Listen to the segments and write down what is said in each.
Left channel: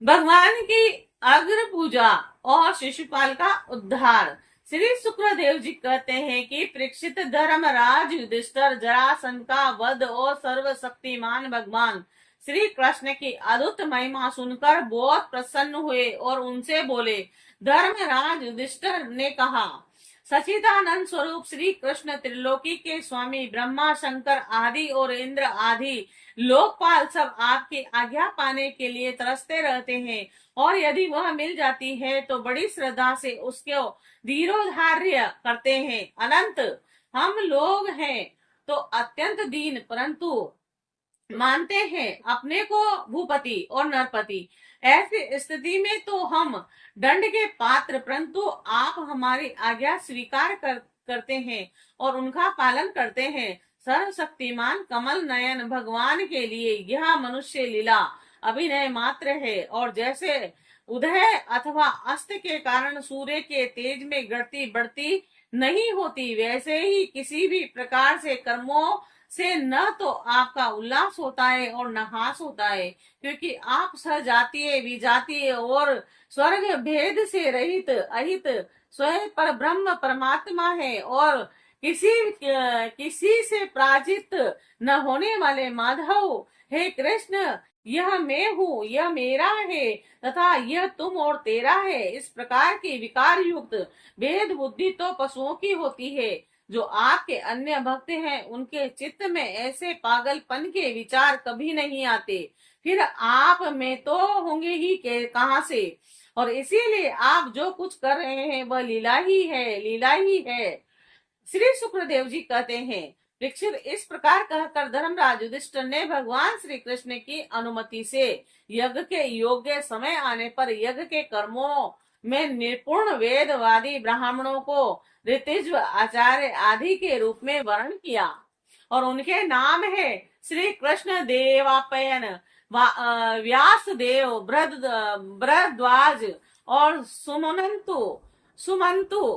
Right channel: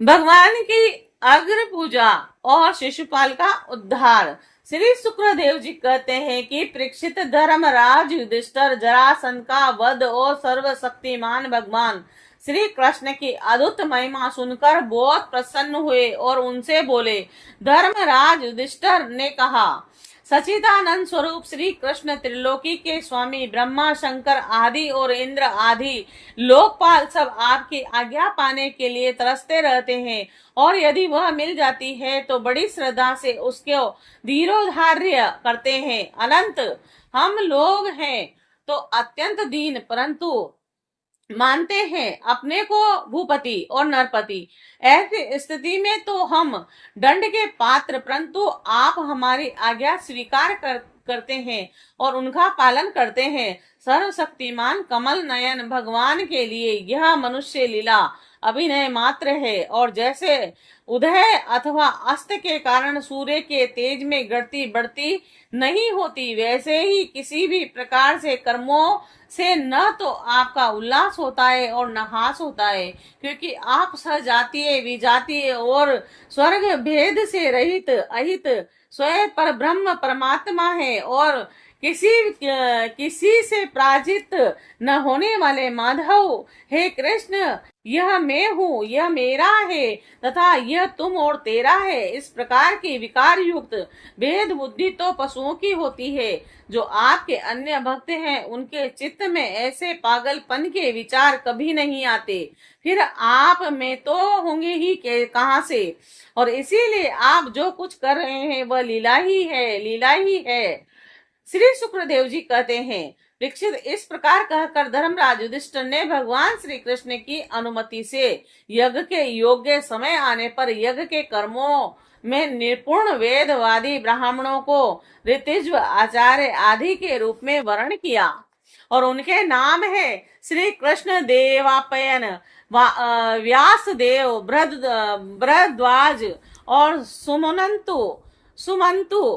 भगवान की अग्र पूजा और शिशुपाल का उद्धार। श्री शुक्रदेव जी कहते हैं कि परीक्षित धर्मराज युधिष्ठिर जरासंध का वध और सर्वशक्तिमान भगवान श्री कृष्ण की अद्भुत महिमा सुनकर बहुत प्रसन्न हुए और उनसे बोले। धर्मराज युधिष्ठिर ने कहा, सचिदानंद स्वरूप श्री कृष्ण त्रिलोकी के स्वामी ब्रह्मा शंकर आदि और इंद्र आदि लोकपाल सब आपकी आज्ञा पाने के लिए तरसते रहते हैं, और यदि वह मिल जाती है तो बड़ी श्रद्धा से उसको धीरोधार्य करते हैं। अनंत हम लोग हैं तो अत्यंत दीन, परंतु मानते हैं अपने को भूपति और नरपति। ऐसी स्थिति में तो हम दंड के पात्र, परंतु आप हमारी आज्ञा स्वीकार करते हैं और उनका पालन करते हैं। सर्वशक्तिमान कमल नयन भगवान के लिए यह मनुष्य लीला अभिनय मात्र है, और जैसे उदय अथवा अस्त के कारण सूर्य के तेज में गिरती बढ़ती नहीं होती, वैसे ही किसी भी प्रकार से कर्मों से न तो आपका उल्लास होता है और न हास होता है, क्योंकि आप सजातीय विजातीय और स्वर्ग भेद से रहित अहित स्वयं पर ब्रह्म परमात्मा है, और किसी से पराजित न होने वाले माधव। हे कृष्ण, यह मैं हूँ, यह मेरा है तथा यह तुम और तेरा है, इस प्रकार की विकार युक्त भेद बुद्धि तो पशुओं की होती है। जो आपके अन्य भक्त हैं उनके चित्त में ऐसे पागलपन के विचार कभी नहीं आते, फिर आप में तो होंगे ही कहां से। और इसीलिए आप जो कुछ कर रहे हैं वह लीला ही है, लीला ही है। श्री शुक्रदेव जी कहते हैं, परीक्षित, इस प्रकार कहकर धर्मराज युधिष्ठिर ने भगवान श्री कृष्ण की अनुमति से यज्ञ के योग्य समय आने पर यज्ञ के कर्मों में निपुण वेदवादी ब्राह्मणों को ऋतिज्व आचार्य आदि के रूप में वर्ण किया, और उनके नाम है श्री कृष्ण देवापयन, व्यासदेव, भरद्वाज और सुमंतु,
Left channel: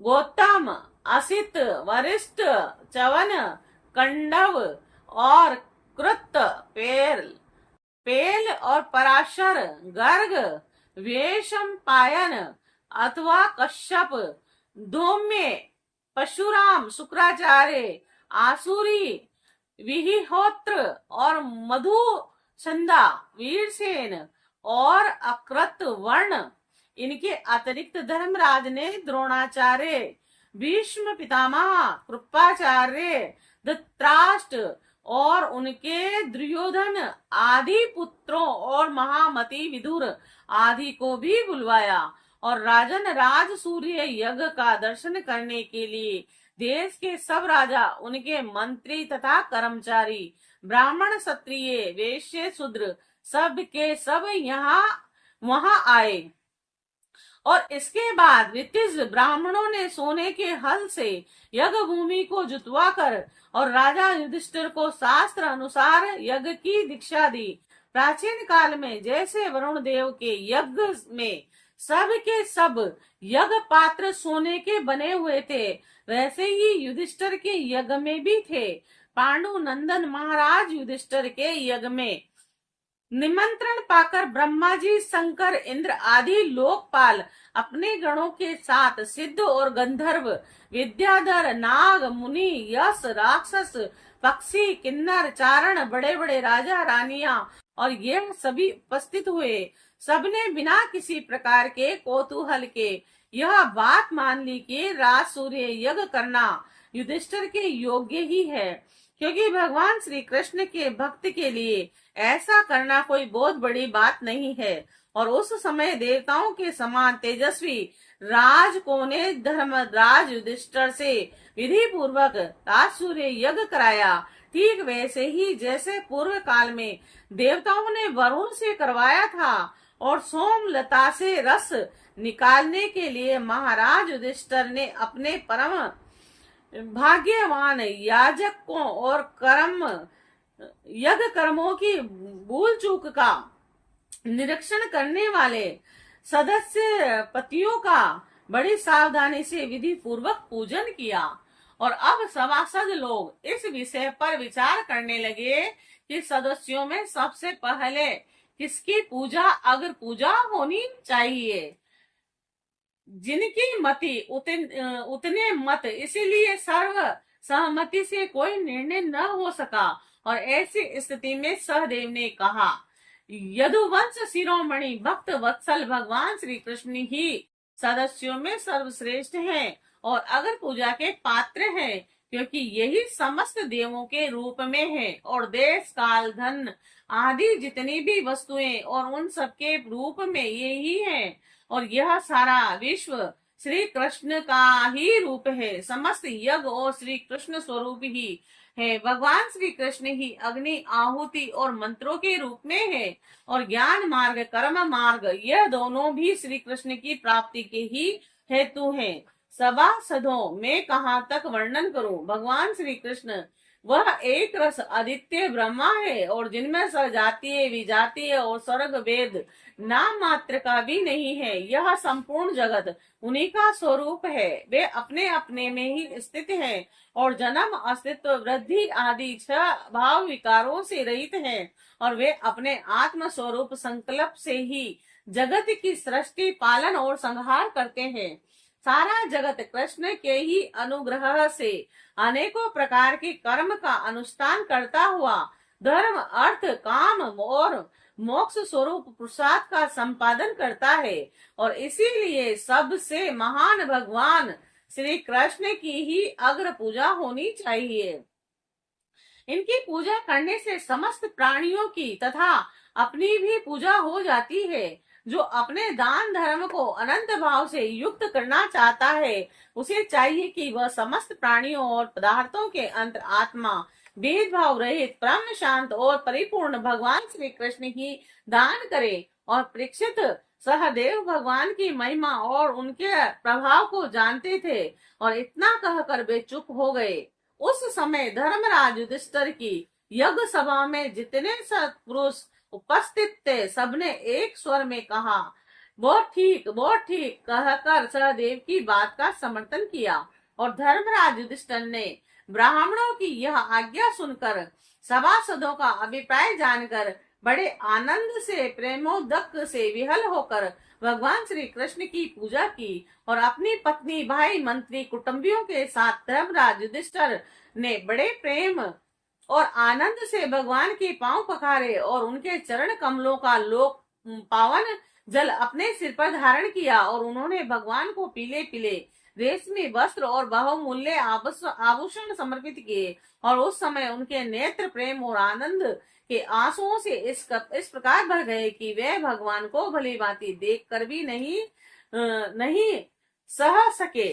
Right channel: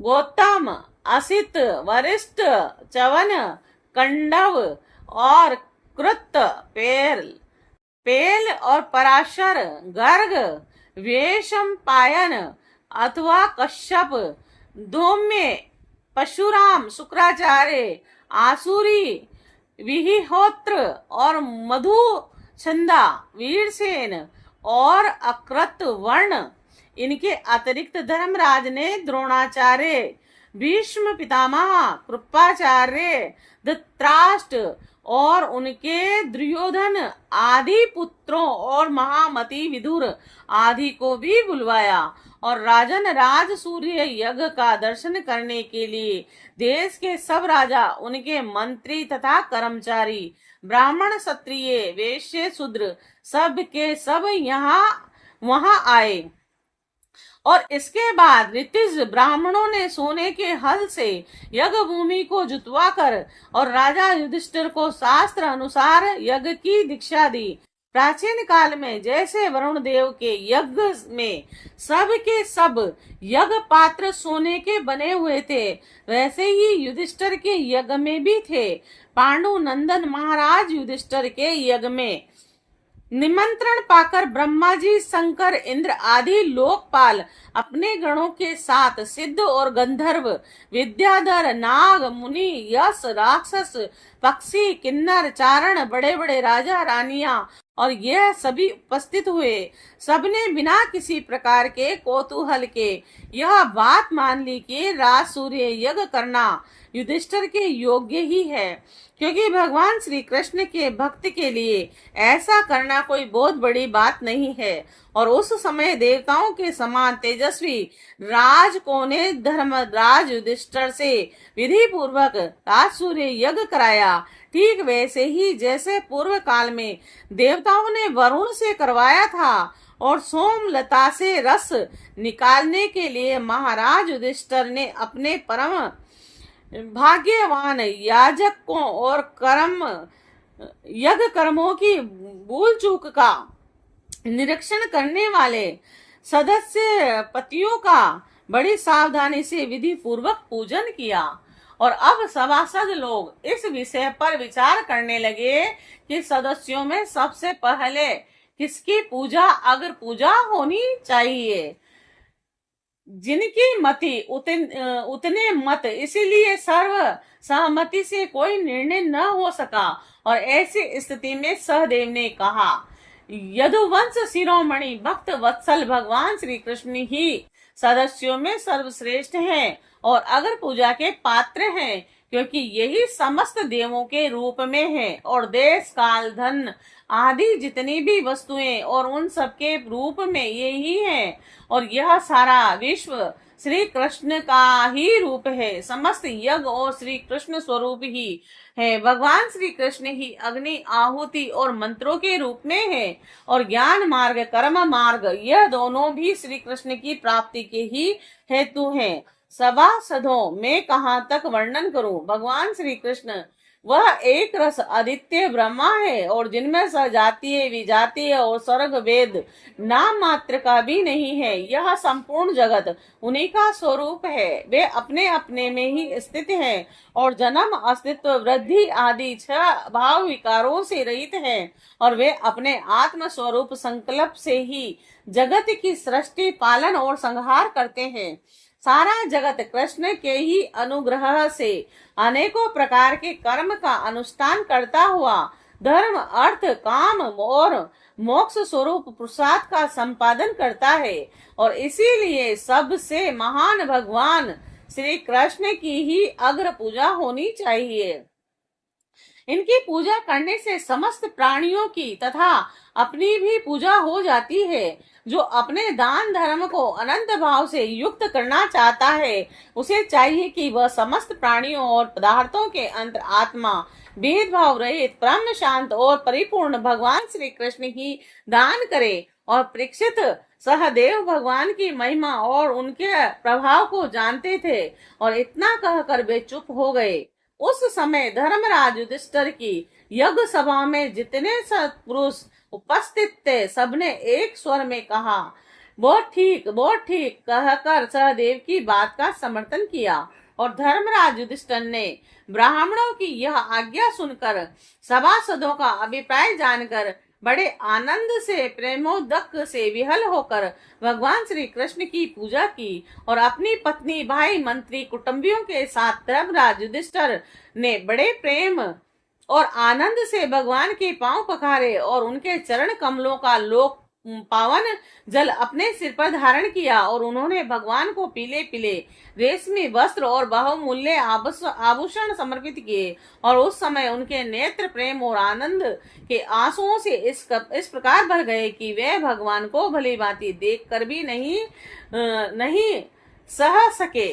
गौतम, असित, वरिष्ठ, चवन, कंडव और कृत, पेल और पराशर, गर्ग, वेशम पायन अथवा कश्यप, धौम्य, परशुराम, शुक्राचार्य, आसुरी, विहिहोत्र और मधु छंदा, वीरसेन और अकृत वर्ण। इनके अतिरिक्त धर्मराज ने द्रोणाचार्य, भीष्म पितामह, कृपाचार्य, धृतराष्ट्र और उनके दुर्योधन आदि पुत्रों और महामती विदुर आदि को भी बुलवाया, और राजन राज सूर्य यज्ञ का दर्शन करने के लिए देश के सब राजा, उनके मंत्री तथा कर्मचारी, ब्राह्मण, क्षत्रिय, वैश्य, शूद्र सब के सब यहाँ वहां आए। और इसके बाद ऋतिज ब्राह्मणों ने सोने के हल से यज्ञ भूमि को जुतवा कर और राजा युधिष्ठिर को शास्त्र अनुसार यज्ञ की दीक्षा दी। प्राचीन काल में जैसे वरुण देव के यज्ञ में सब के सब यज्ञ पात्र सोने के बने हुए थे, वैसे ही युधिष्ठिर के यज्ञ में भी थे। पांडु नंदन महाराज युधिष्ठिर के यज्ञ में निमंत्रण पाकर ब्रह्मा जी, शंकर, इंद्र आदि लोकपाल अपने गणों के साथ सिद्ध और गंधर्व, विद्याधर, नाग, मुनि, यश, राक्षस, पक्षी, किन्नर, चारण, बड़े बड़े राजा रानियां और यह सभी उपस्थित हुए। सबने बिना किसी प्रकार के कौतूहल के यह बात मान ली कि राज सूर्य यज्ञ करना युधिष्ठिर के योग्य ही है, क्योंकि भगवान श्री कृष्ण के भक्त के लिए ऐसा करना कोई बहुत बड़ी बात नहीं है। और उस समय देवताओं के समान तेजस्वी राजकों ने धर्मराज युधिष्ठिर से विधि पूर्वक राज सूर्य यज्ञ कराया, ठीक वैसे ही जैसे पूर्व काल में देवताओं ने वरुण से करवाया था। और सोमलता से रस निकालने के लिए महाराज युधिष्ठिर ने अपने परम भाग्यवान याजकों और यज्ञ कर्मों की भूल चूक का निरीक्षण करने वाले सदस्य पतियों का बड़ी सावधानी से विधि पूर्वक पूजन किया। और अब सभासद लोग इस विषय पर विचार करने लगे कि सदस्यों में सबसे पहले किसकी पूजा अग्र पूजा होनी चाहिए? जिनकी मति उतने मत, इसीलिए सर्व सहमति से कोई निर्णय न हो सका। और ऐसी स्थिति में सहदेव ने कहा, यदुवंश शिरोमणि भक्त वत्सल भगवान श्री कृष्ण ही सदस्यों में सर्वश्रेष्ठ हैं और अगर पूजा के पात्र हैं, क्योंकि यही समस्त देवों के रूप में है और देश काल धन आदि जितनी भी वस्तुएं और उन सबके रूप में यही है। और यह सारा विश्व श्री कृष्ण का ही रूप है। समस्त यज्ञ और श्री कृष्ण स्वरूप ही है। भगवान श्री कृष्ण ही अग्नि आहुति और मंत्रों के रूप में है। और ज्ञान मार्ग कर्म मार्ग यह दोनों भी श्री कृष्ण की प्राप्ति के ही हेतु हैं। सभासदों में कहाँ तक वर्णन करूं? भगवान श्री कृष्ण वह एक रस आदित्य ब्रह्मा है और जिनमें सजातीय विजातीय और स्वर्ग वेद नाम मात्र का भी नहीं है। यह संपूर्ण जगत उन्हीं का स्वरूप है। वे अपने अपने में ही स्थित हैं और जन्म अस्तित्व वृद्धि आदि 6 भाव विकारों से रहित हैं और वे अपने आत्म स्वरूप संकल्प से ही जगत की सृष्टि पालन और संहार करते हैं। सारा जगत कृष्ण के ही अनुग्रह से अनेकों प्रकार के कर्म का अनुष्ठान करता हुआ धर्म अर्थ काम और मोक्ष स्वरूप प्रसाद का संपादन करता है। और इसीलिए सबसे महान भगवान श्री कृष्ण की ही अग्र पूजा होनी चाहिए। इनकी पूजा करने से समस्त प्राणियों की तथा अपनी भी पूजा हो जाती है। जो अपने दान धर्म को अनंत भाव से युक्त करना चाहता है, उसे चाहिए कि वह समस्त प्राणियों और पदार्थों के अंतर आत्मा भेदभाव रहित परम शांत और परिपूर्ण भगवान श्री कृष्ण ही दान करे। और परीक्षित सहदेव भगवान की महिमा और उनके प्रभाव को जानते थे और इतना कहकर वे चुप हो गए। उस समय धर्मराज युधिष्ठिर की यज्ञ सभा में जितने सत्पुरुष उपस्थित थे, सबने एक स्वर में कहा, बहुत ठीक कहकर सहदेव की बात का समर्थन किया। और धर्मराज युधिष्ठिर ने ब्राह्मणों की यह आज्ञा सुनकर सभासदों का अभिप्राय जानकर बड़े आनंद से प्रेमोदक से विहल होकर भगवान श्री कृष्ण की पूजा की और अपनी पत्नी भाई मंत्री कुटुंबियों के साथ धर्मराज युधिष्ठिर ने बड़े प्रेम और आनंद से भगवान के पांव पखारे और उनके चरण कमलों का लोक पावन जल अपने सिर पर धारण किया। और उन्होंने भगवान को पीले पीले रेशमी वस्त्र और बहुमूल्य आभूषण समर्पित किए। और उस समय उनके नेत्र प्रेम और आनंद के आंसुओं से इस प्रकार भर गए कि वे भगवान को भली भांति देख कर भी नहीं सह सके।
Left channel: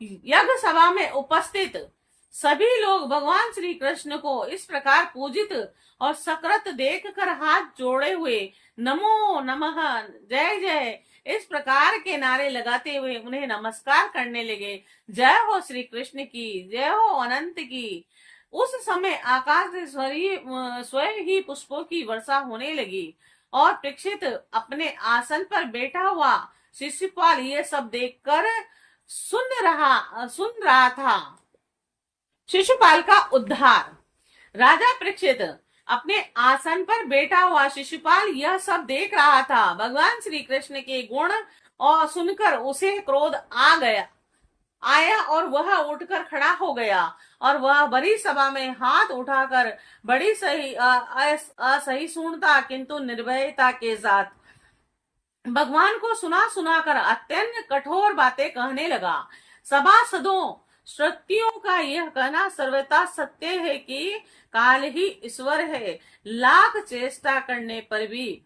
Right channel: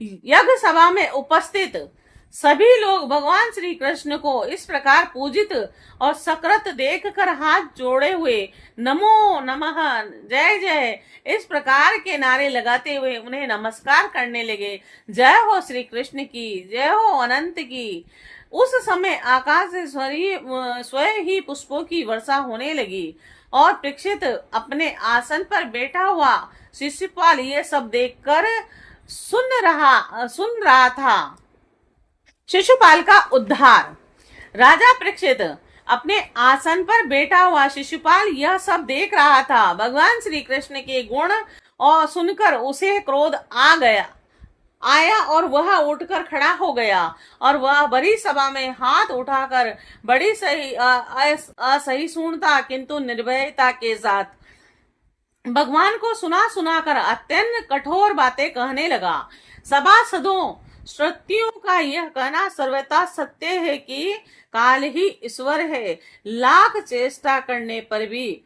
यज्ञ सभा में उपस्थित सभी लोग भगवान श्री कृष्ण को इस प्रकार पूजित और सकृत देखकर हाथ जोड़े हुए नमो नमः जय जय इस प्रकार के नारे लगाते हुए उन्हें नमस्कार करने लगे। जय हो श्री कृष्ण की, जय हो अनंत की। उस समय आकाश से स्वयं ही पुष्पों की वर्षा होने लगी और परीक्षित अपने आसन पर बैठा हुआ शिशुपाल ये सब देखकर सुन रहा था। शिशुपाल का उद्धार। राजा परीक्षित अपने आसन पर बैठा हुआ शिशुपाल यह सब देख रहा था। भगवान श्री कृष्ण के गुण और सुनकर उसे क्रोध आया और वह उठकर खड़ा हो गया और वह बड़ी सभा में हाथ उठाकर बड़ी असहिष्णुता किंतु निर्भयता के साथ भगवान को सुना कर अत्यंत कठोर बातें कहने लगा। सभासदों, श्रुतियों का यह कहना सर्वथा सत्य है कि काल ही ईश्वर है। लाख चेष्टा करने पर भी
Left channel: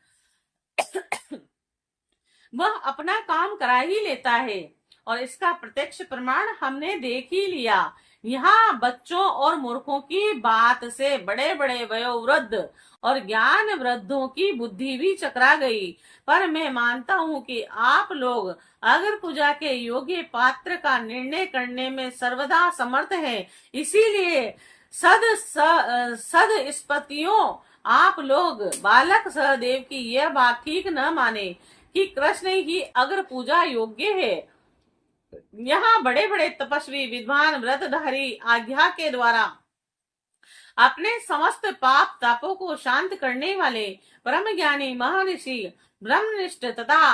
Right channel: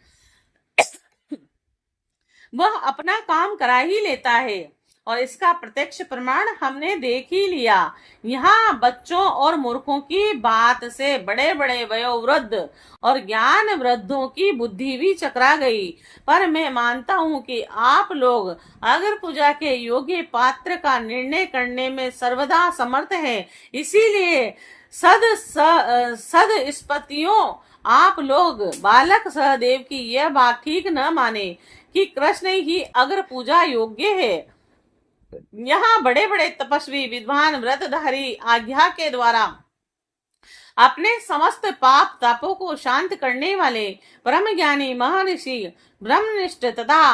वह अपना काम करा ही लेता है और इसका प्रत्यक्ष प्रमाण हमने देख ही लिया। यहाँ बच्चों और मूर्खों की बात से बड़े बड़े वयोवृद्ध और ज्ञान वृद्धों की बुद्धि भी चकरा गई। पर मैं मानता हूँ कि आप लोग अगर पूजा के योग्य पात्र का निर्णय करने में सर्वदा समर्थ हैं। इसीलिए सद स्पतियों, आप लोग बालक सहदेव की यह बात ठीक न माने कि कृष्ण ही अग्र पूजा योग्य है। यहाँ बड़े बड़े तपस्वी विद्वान व्रतधारी आज्ञा के द्वारा अपने समस्त पाप तापों को शांत करने वाले परम ज्ञानी महर्षि ब्रह्मनिष्ठ तथा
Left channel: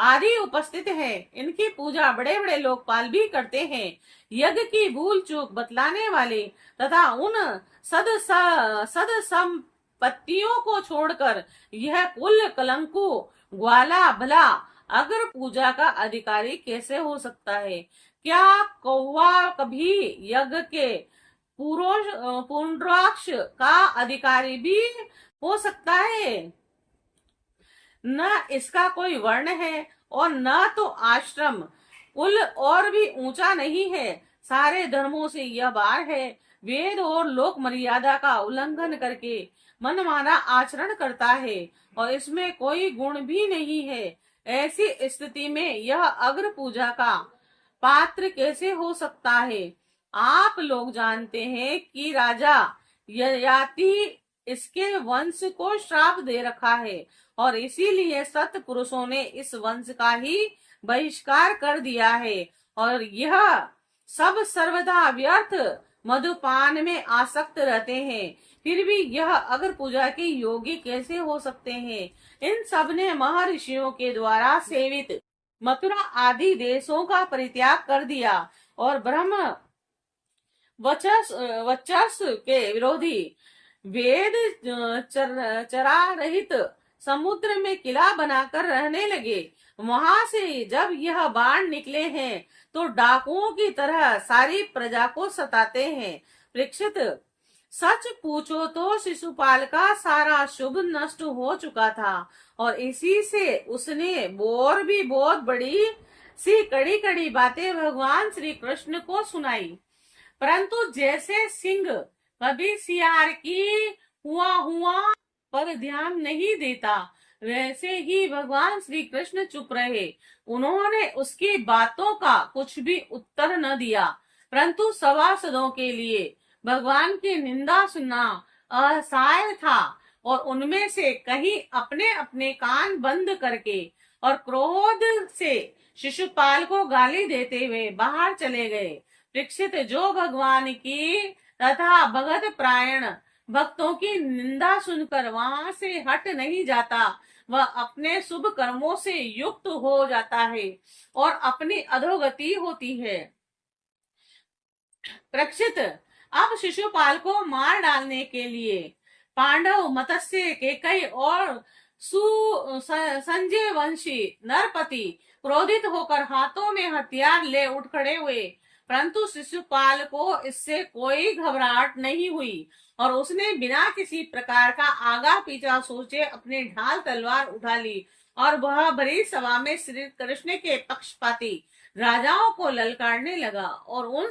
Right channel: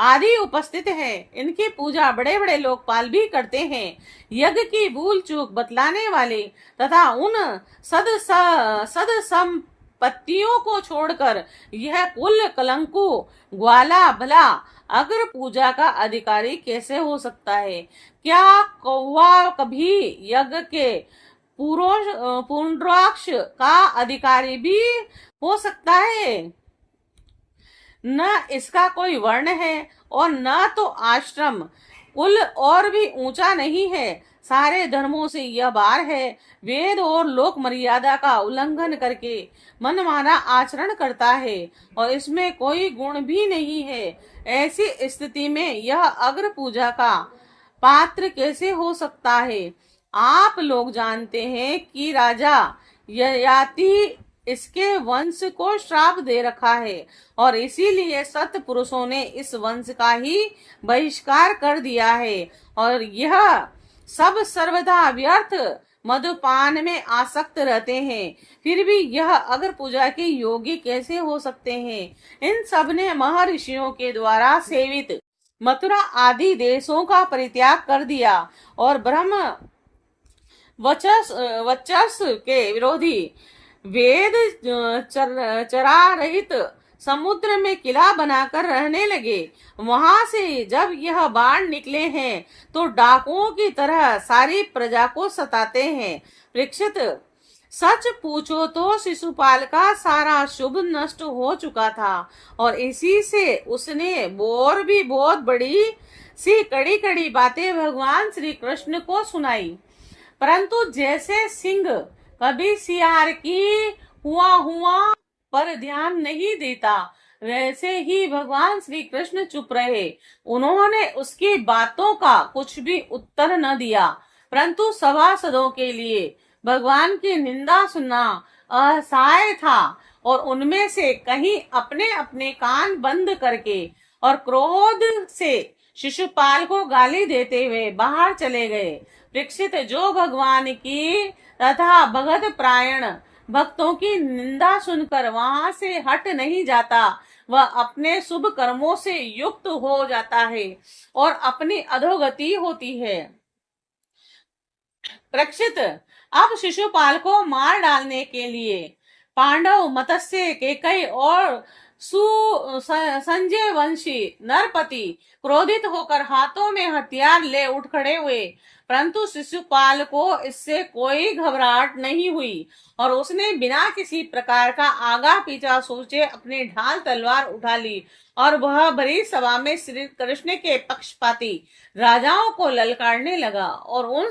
आदि उपस्थित है। इनकी पूजा बड़े बड़े लोकपाल भी करते हैं। यज्ञ की भूल चूक बतलाने वाले तथा उन सद संपत्तियों को छोड़कर यह कुल कलंकु ग्वाला भला अग्र पूजा का अधिकारी कैसे हो सकता है? क्या कौवा कभी यज्ञ के पुंड्राक्ष का अधिकारी भी हो सकता है? न इसका कोई वर्ण है और न तो आश्रम कुल और भी ऊंचा नहीं है। सारे धर्मों से यह बार है। वेद और लोक मर्यादा का उल्लंघन करके मनमाना आचरण करता है और इसमें कोई गुण भी नहीं है। ऐसी स्थिति में यह अग्र पूजा का पात्र कैसे हो सकता है? आप लोग जानते हैं कि राजा ययाति इसके वंश को श्राप दे रखा है और इसीलिए सत पुरुषों ने इस वंश का ही बहिष्कार कर दिया है और यह सब सर्वदा व्यर्थ मधुपान में आसक्त रहते हैं। फिर भी यह अग्र पूजा के योगी कैसे हो सकते हैं? इन सब ने महर्षियों के द्वारा सेवित मथुरा आदि देशों का परित्याग कर दिया और ब्रह्म वर्चस्व के विरोधी वेद चरा रहित समुद्र में किला बनाकर रहने लगे। वहां से जब यह बाण निकले हैं तो डाकुओं की तरह सारी प्रजा को सताते हैं। परीक्षित, सच पूछो तो शिशुपाल का सारा शुभ नष्ट हो चुका था और इसी से उसने और भी बहुत बड़ी सी कड़ी कड़ी बातें भगवान श्री कृष्ण को सुनाई। परंतु जैसे सिंह कभी सियार की हुआ पर ध्यान नहीं देता, वैसे ही भगवान श्री कृष्ण चुप रहे। उन्होंने उसकी बातों का कुछ भी उत्तर न दिया, परंतु सभासदों के लिए भगवान की निंदा सुनना असहाय था और उनमें से कहीं अपने अपने कान बंद करके और क्रोध से शिशुपाल को गाली देते हुए बाहर चले गए। परीक्षित, जो भगवान की तथा भगत प्रायण भक्तों की निंदा सुनकर वहां से हट नहीं जाता, वह अपने शुभ कर्मों से युक्त हो जाता है और अपनी अधोगति होती है। परीक्षित, अब शिशुपाल को मार डालने के लिए पांडव, मत्स्य, केकई और संजय वंशी नरपति क्रोधित होकर हाथों में हथियार ले उठ खड़े हुए, परंतु शिशुपाल को इससे कोई घबराहट नहीं हुई और उसने बिना किसी प्रकार का आगा पीछा सोचे अपनी ढाल तलवार उठा ली और वह भरी सभा में श्री कृष्ण के पक्षपाती राजाओं को ललकारने लगा और उन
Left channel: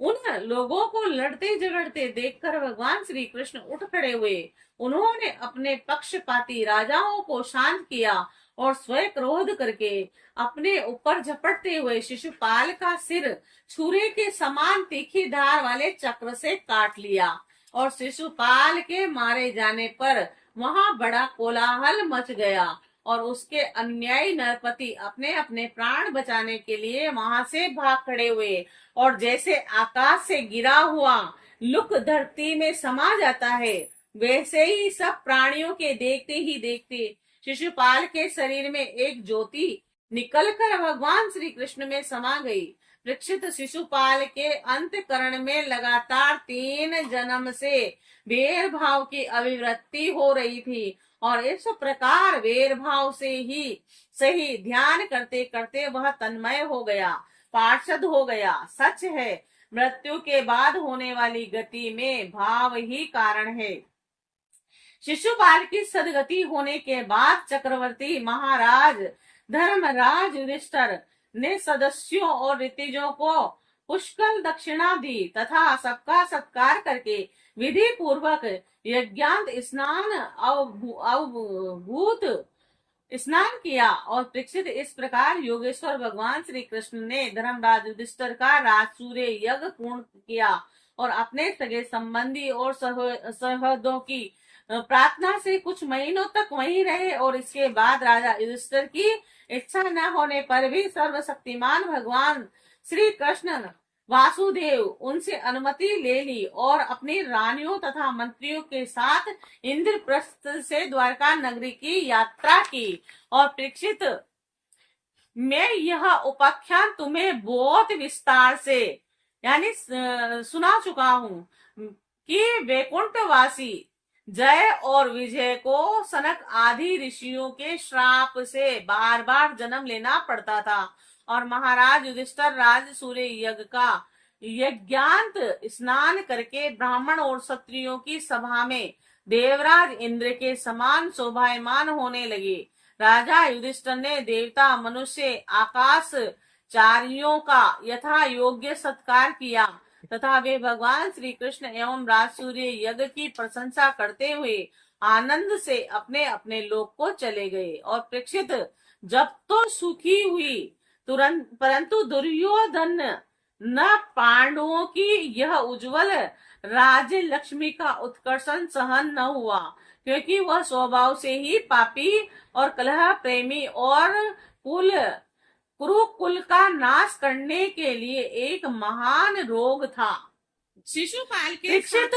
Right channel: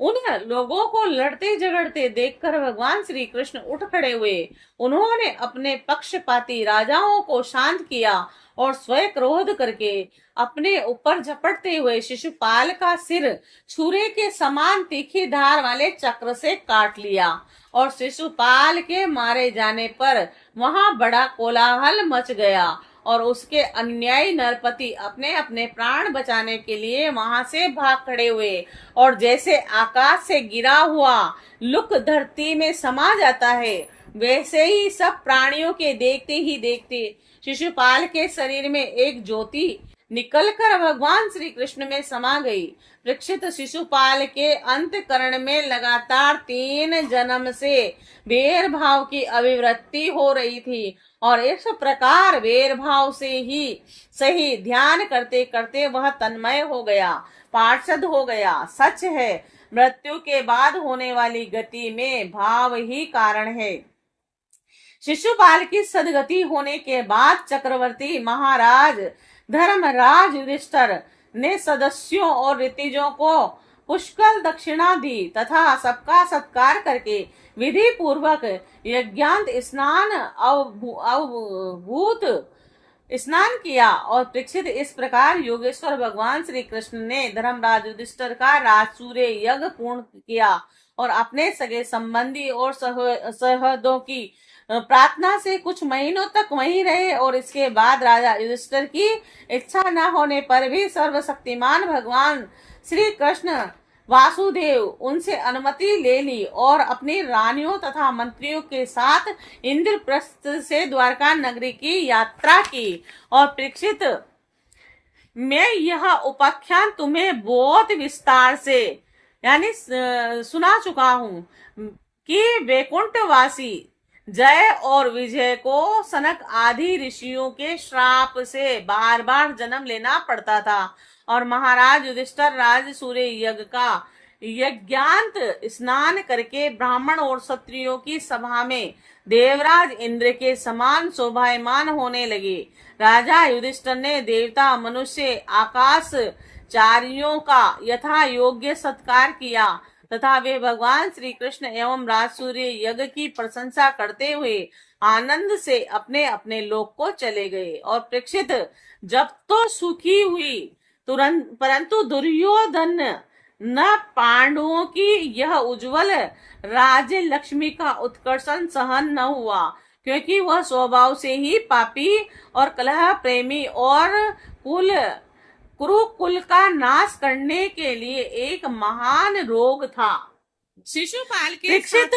लोगों को लड़ते झगड़ते देखकर भगवान श्री कृष्ण उठ खड़े हुए। उन्होंने अपने पक्षपाती राजाओं को शांत किया और स्वयं क्रोध करके अपने ऊपर झपटते हुए शिशुपाल का सिर छुरे के समान तीखी धार वाले चक्र से काट लिया और शिशुपाल के मारे जाने पर वहां बड़ा कोलाहल मच गया और उसके अन्यायी नरपति अपने अपने प्राण बचाने के लिए वहां से भाग खड़े हुए और जैसे आकाश से गिरा हुआ लुक धरती में समा जाता है, वैसे ही सब प्राणियों के देखते ही देखते शिशुपाल के शरीर में एक ज्योति निकलकर भगवान श्री कृष्ण में समा गई। परीक्षित, शिशुपाल के अंतकरण में लगातार 3 जन्म से वेर भाव की अभिवृत्ति हो रही थी और इस प्रकार वेर भाव से ही सही ध्यान करते करते वह तन्मय हो गया, पार्षद हो गया। सच है, मृत्यु के बाद होने वाली गति में भाव ही कारण है। शिशुपाल की सदगति होने के बाद चक्रवर्ती महाराज धर्मराज युधिष्ठिर ने सदस्यों और ऋतिजों को पुष्कल दक्षिणा दी तथा सबका सत्कार करके विधि पूर्वक यज्ञांत स्नान अवभूत स्नान किया और परीक्षित, इस प्रकार योगेश्वर भगवान श्री कृष्ण ने धर्मराज युधिष्ठिर का राजसूय यज्ञ पूर्ण किया और अपने सगे संबंधी और सहदों की प्रार्थना से कुछ महीनों तक वहीं रहे और इसके बाद राजा युधिष्ठिर की इच्छा न होने पर भी सर्वशक्तिमान भगवान श्री कृष्ण वासुदेव उनसे अनुमति ले ली और अपनी रानियों तथा मंत्रियों के साथ इंद्रप्रस्थ से द्वारका नगरी की यात्रा की। और परीक्षित, मैं यह उपाख्यान तुम्हें बहुत विस्तार से यानी सुना चुका हूँ कि वैकुंठवासी जय और विजय को सनक आदि ऋषियों के श्राप से बार बार जन्म लेना पड़ता था और महाराज युधिष्ठिर राज सूर्य यज्ञ का यज्ञांत स्नान करके ब्राह्मण और क्षत्रियों की सभा में देवराज इंद्र के समान शोभायमान होने लगे। राजा युधिष्ठिर ने देवता मनुष्य आकाश चारियों का यथा योग्य सत्कार किया तथा वे भगवान श्री कृष्ण एवं राज सूर्य यज्ञ की प्रशंसा करते हुए आनंद से अपने अपने लोक को चले गए। और परीक्षित, जब तो सुखी हुई तुरंत, परंतु दुर्योधन न पांडवों की यह उज्जवल राज्य लक्ष्मी का उत्कर्षण सहन न हुआ, क्योंकि वह स्वभाव से ही पापी और कलह प्रेमी और कुरुकुल का नाश करने के लिए एक महान रोग था। शिशुपाल के परीक्षित,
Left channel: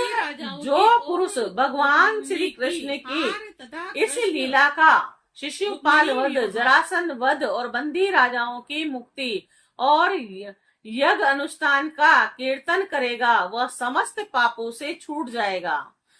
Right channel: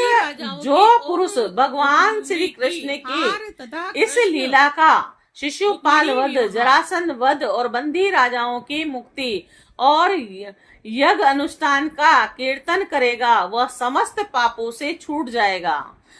जो पुरुष भगवान श्री कृष्ण की इस लीला का शिशुपाल वध, जरासंध वध और बंदी राजाओं की मुक्ति और यज्ञ अनुष्ठान का कीर्तन करेगा, वह समस्त पापों से छूट जाएगा।